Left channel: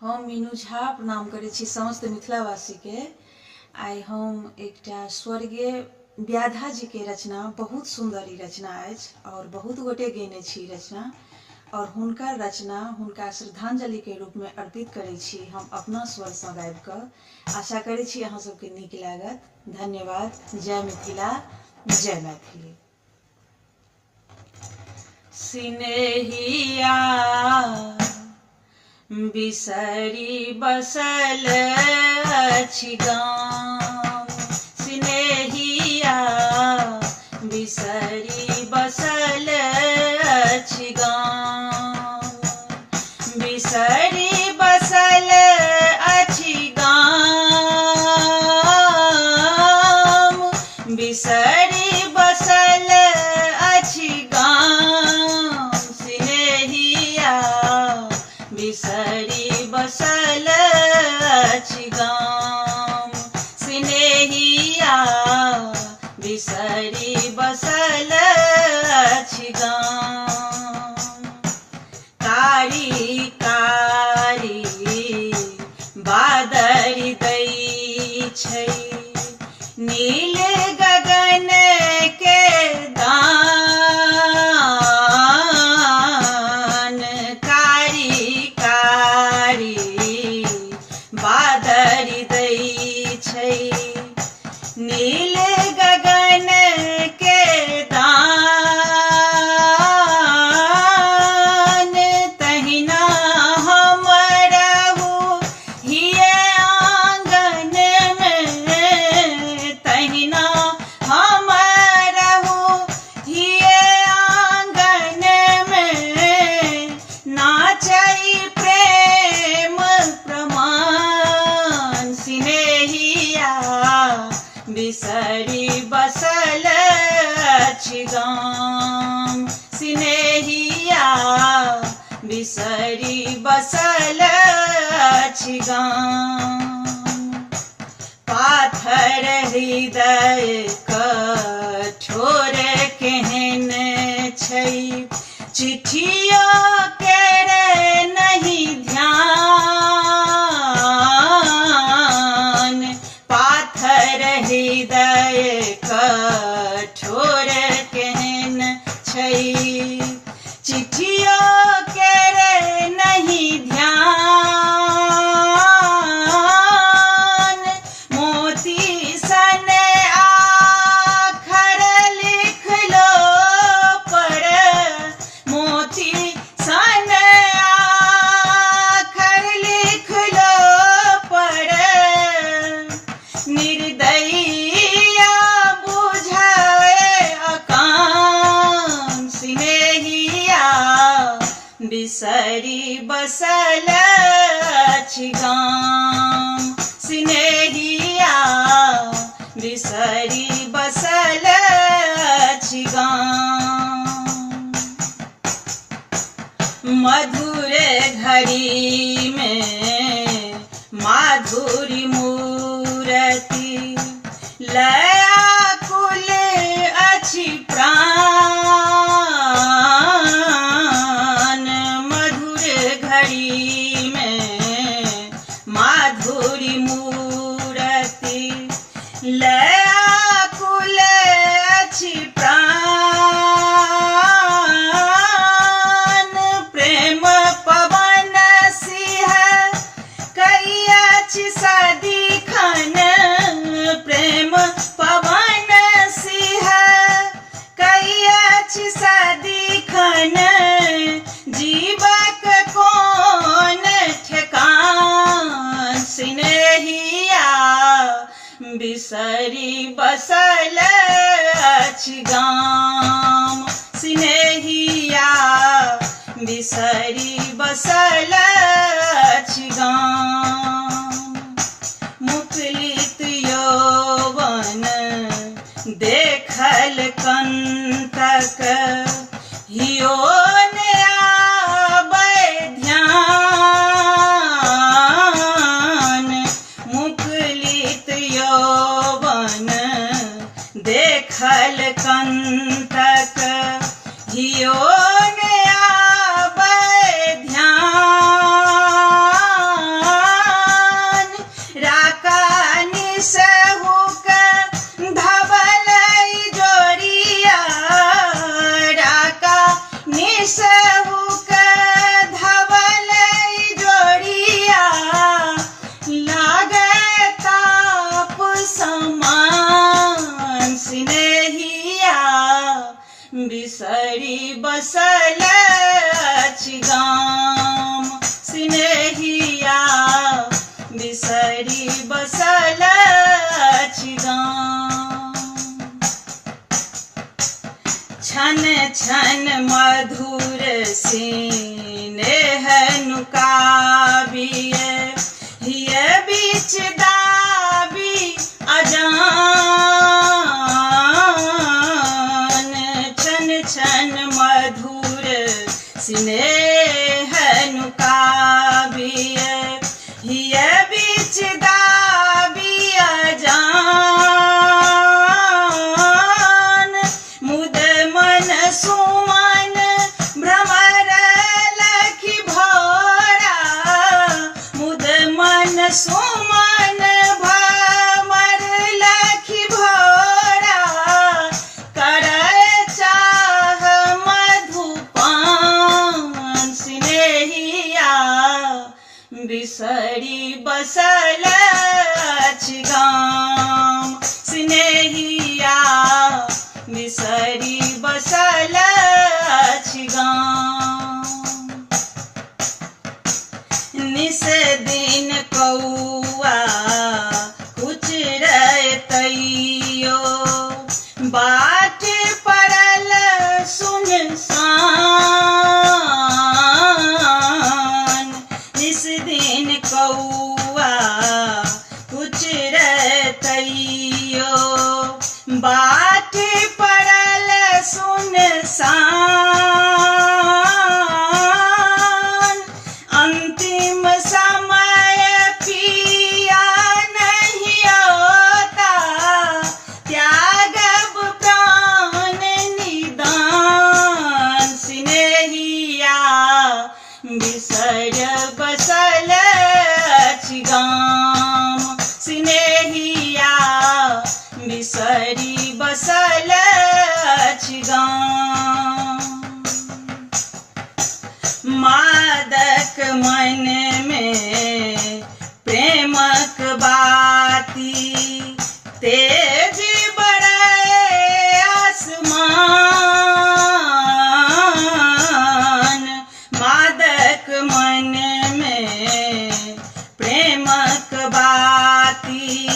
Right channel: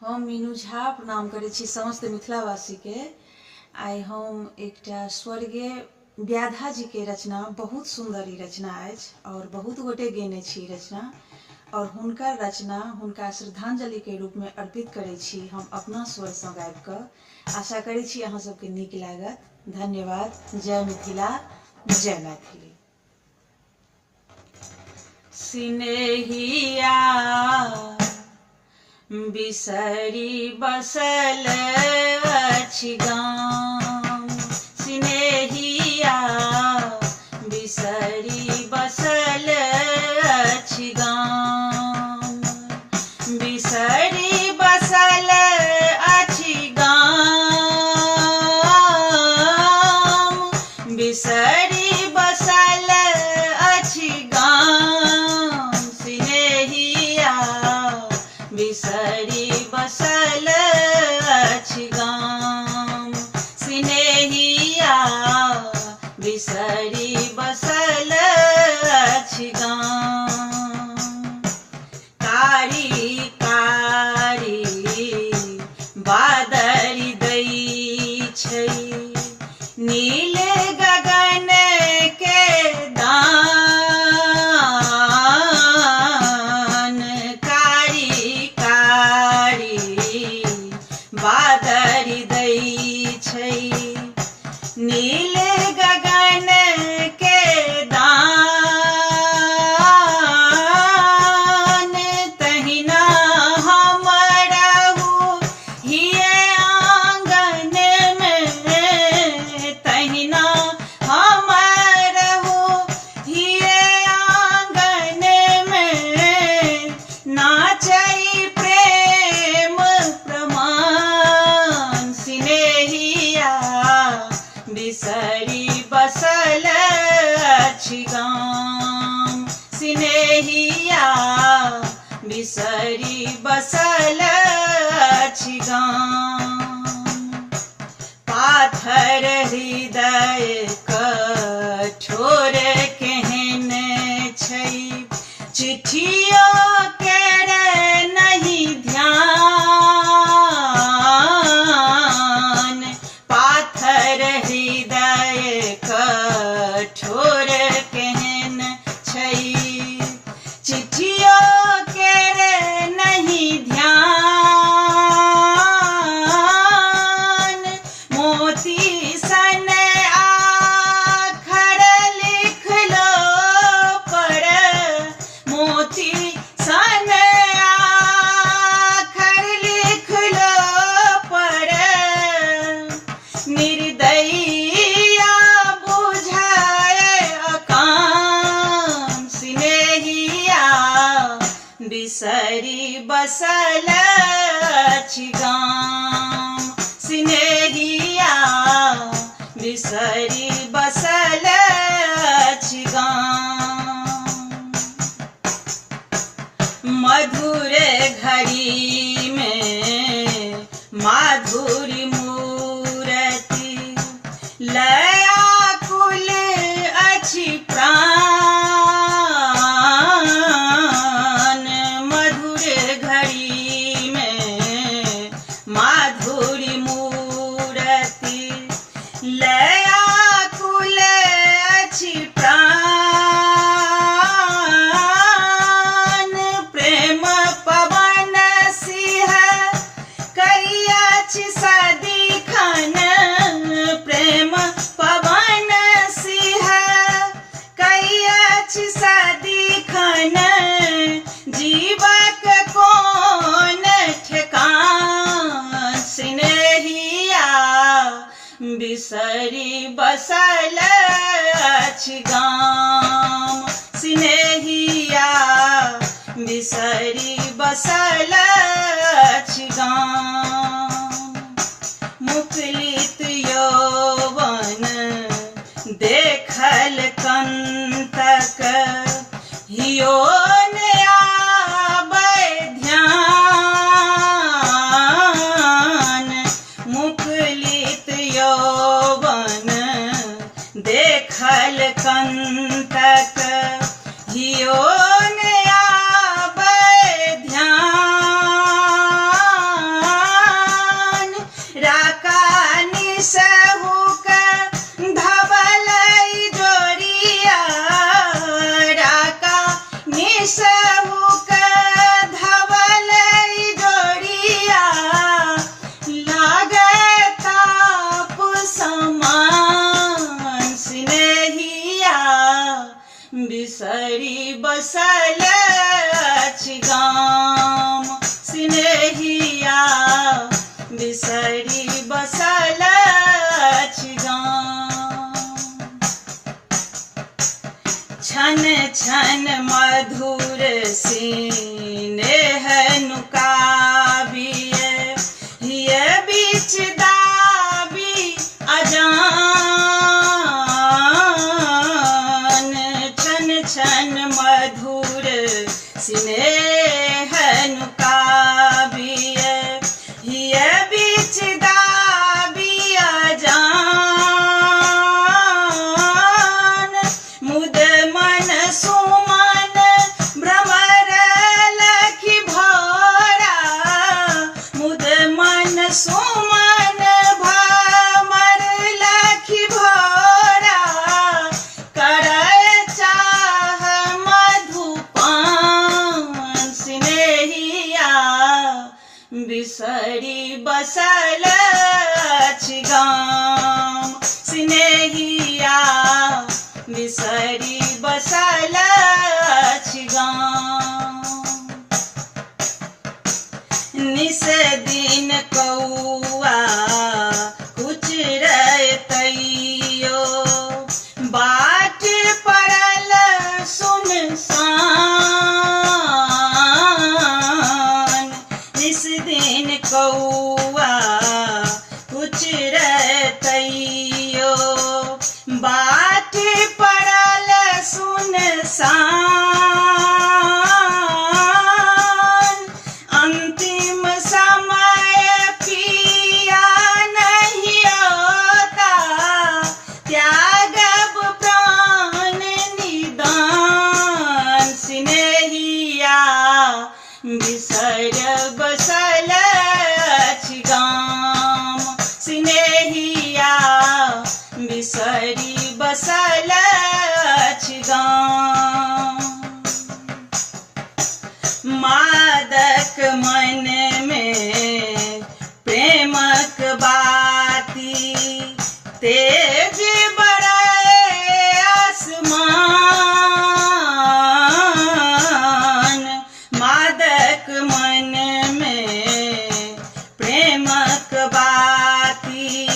हम मीनू झा प्रणाम करै छी समस्त मिथिलावासी के। आइ हम एकटा स्वर्गीय व्याधा जी के रचना, बहुत सुंदर ई रचना अछि और बहुत गोटे गेने छी रचना, और हुनकर रचना हुनका श्रद्धांजलि के रूप में अर्पित करै छी हम अपना स्वर सँ गाबि कऽ। आशा करै छी अहाँ सबके नीक लागत। धन्यवाद। जय मिथिला, जय मैथिली। सिनेहिया बिसरी बसल अछि गाम, सिनेहिया बिसरी बसल अछि गाम, बिसरी बसल अछि गाम, बिसरी बसल अछि गाम, सिनेहिया बिसरी बसल अछि गाम, सिनेहिया बिसरी बसल अछि गाम। कारी कारी बादरि दै छै, नील गगन के दान, कारी कारी बादरि दै छै, नील गगन के दान, तहिना हम रहू हिये आंगन में, तहिना हम रहू हिये आंगन में, नाचै प्रेम प्रमाण, सिनेहिया बिसरी बसल अछि गाम, सिनेहिया बिसरी बसल अछि गाम। पाथर हृदय कठोर केहन छै, चिट्ठियो केरे नहीं ध्यान, पाथर हृदय कठोर केहन छै, चिट्ठियो केरे नहीं ध्यान, मोती सन आखर लिखलो पर, मोती सन आखर लिखलो पर, निर्दयिया बुझाए अकाम, सिनेहिया बिसरी बसल अछि गाम, सिनेहिया बिसरी बसल अछि गाम। मधुर घड़ी में माधुरी मूरति, लयाकुल अछि प्राण, मधुर घड़ी में माधुरी मूरति, लयाकुल अछि प्राण, प्रेम पवन सिंह कई अछि सदिखन, प्रेम पवन सिंह कई अछि सदिखन, जीवक कोन ठेकान, सिनेहिया बिसरी बसल अछि गाम, सिनेहिया बिसरी बसल अछि गाम। मुकुलित यौवन देखल कंतक, हियो ने आबै ध्यान, मुकुलित यौवन देखल कंतक, हियो ने आबै बिसरी बसल अछि गाम स्नेहिया बिसरी बसल अछि गाम निस दिन कौआ कुचरतैयो बाट पड़ल सुनसान निस दिन कौआ कुचरतैयो बाट पड़ल सुनसान अंतिम समय पिया नहीं होता त्यागब प्राण निदान स्नेहिया बिसर बसल अछि गाम स्नेहिया बिसरी बसल अछि गाम मादक मन में प्रेमक बाती तेज बढ़ाए आसमान मादक मन में प्रेमक बाती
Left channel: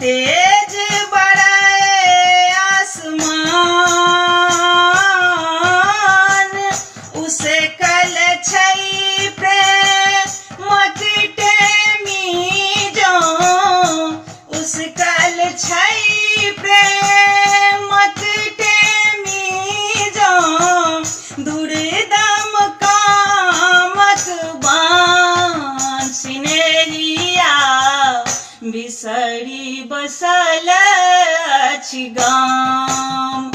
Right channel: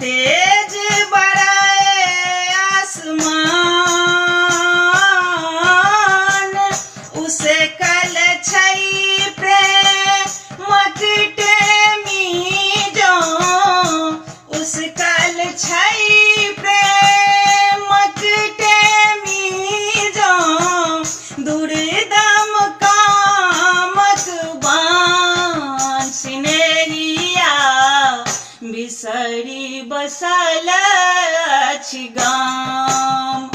तेज बढ़ाए आसमान उसे कल छै प्रेमक टेमी जो उस कल छै प्रेमक टेमी जो दुर्दम कामक बान स्नेहिया बिसरी बसल अछि गाम